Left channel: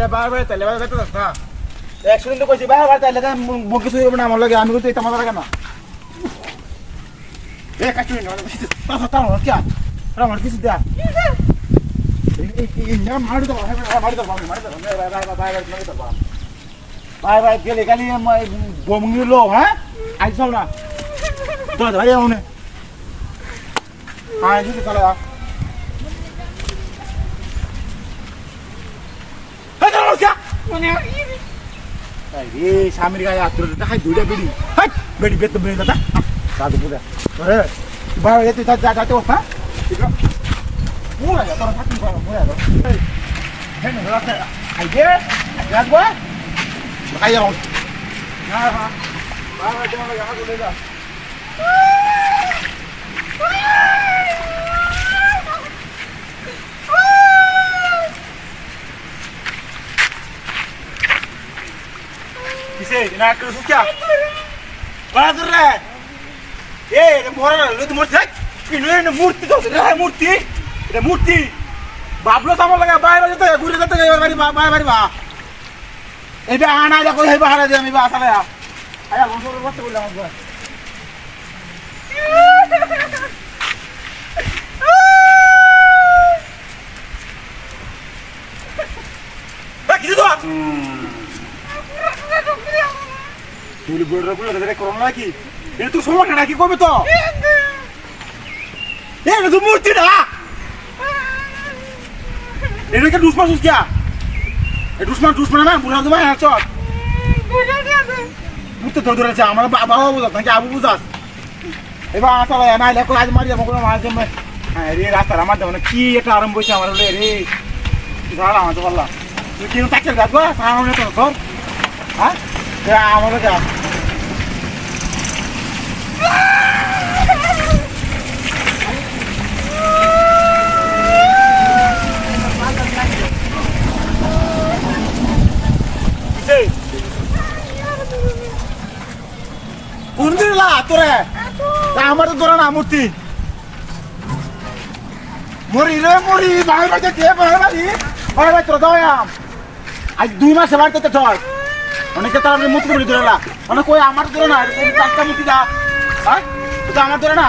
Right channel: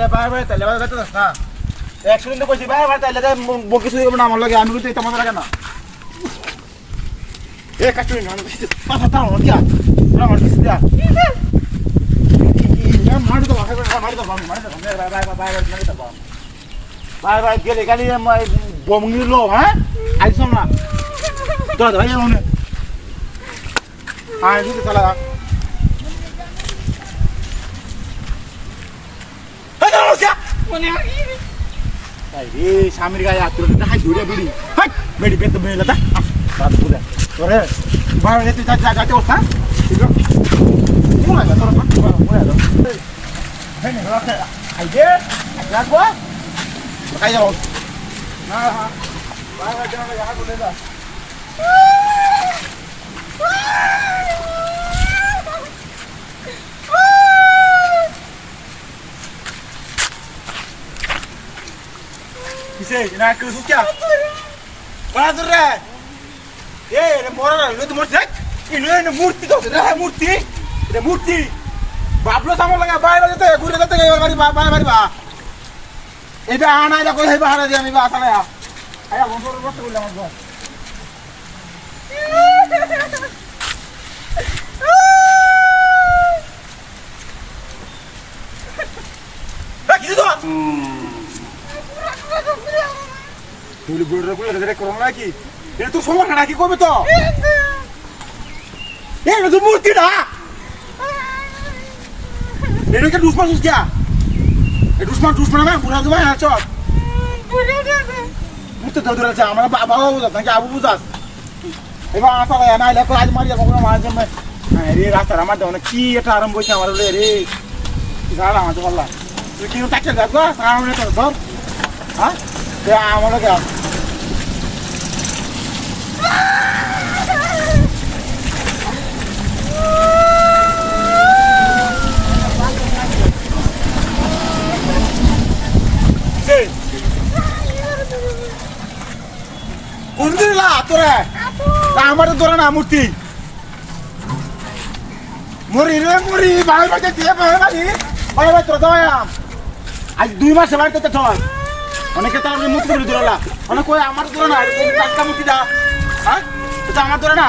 তাইলে bye bye, তাইলে bye bye না একশো কিন্তু কইছি, বাই বাই, তাইলে বকি চুরি করব না, আমার লাগে, আমি কিন্তু তোমার লাগে না। এক কাজ করি না আমার কি আমার কিছু দেয়া ভাই ভাই গেলে কালি বমি লো হ্যাঁ? আইসব না। দাদা ভাই আর যদি চালা છે রে স্বামীর গায়ে হাত তুলে হাই ধরে বেড়ি হাই বেড়ি বেত বেড়ি না দাদু পূজা তোরে বাইরে তুই তার জায়গাতে ওঠা মোলা যা তোরা মোলা যা হ্যাঁ nó ra tôi đây rồi কিসে না কেউ সুখা বাড়া তোর রে এ মরা রে তো মরছিস ইনো এনে মূর্তি তো রে মূর্তি। এটা মূর্তি। বাবলো সামর লাগা বাইরে যেতে, ঘুরে যেতে বাড়ি বা বাইরে বাড়ি বা। এটা আনা দেখো হেবা, হারা দিয়ে আমি, বা আসলে আয়া বন্ধুর বসতে বললাম, আমার কি তো তুই বড় বড় রে করোনা নাকি? এটা তো সমস্যা নাকি, কবে তো? এটা তো মূর্তি না! এটা কি দুশ্মন সুস এ, দুশ্মন দুশ্মন না, বুড়া তোমার হাত চট বুঝতে তো ধরেছে আমার বাবা বুঝাস, নাকি আবু বুঝাস? এবার আসলে না লেখো আজ মারি যাব কোনো মাঝে হ্যাঁ রে, রাস্তার আমার দেবো কি এটা আরম্ভ হয়েছে আমার বলে রে। ঝাড় আমার তো বললাম। তুই কি তাকে তো ধর হ্যাঁ আমার কাছে কোন দিন লা তোরে। আমার তো ধরে না মূর্তি। মরি রে মরি। ভাই ভাই কে ভাই ভাই। ভাই ভাই তোর দাও আজ দুই মাসে বাড়িতে চল অনেকে তার মূর্তি করে ধরে অনেক কই আমার ধরে না একটা মূর্তি দা। হ্যাঁ? তো আমার ধরে না।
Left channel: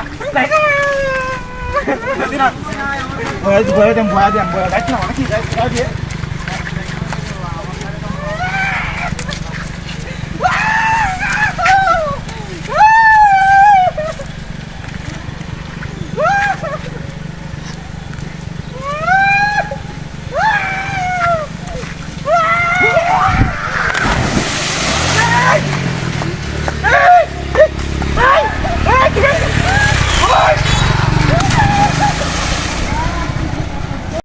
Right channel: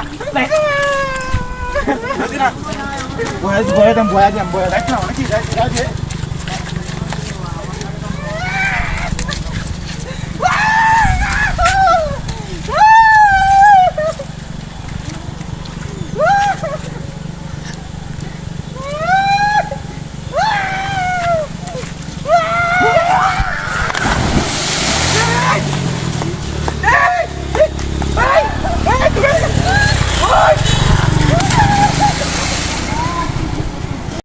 ভয় দেন ভয় দেন ভয় না অনেক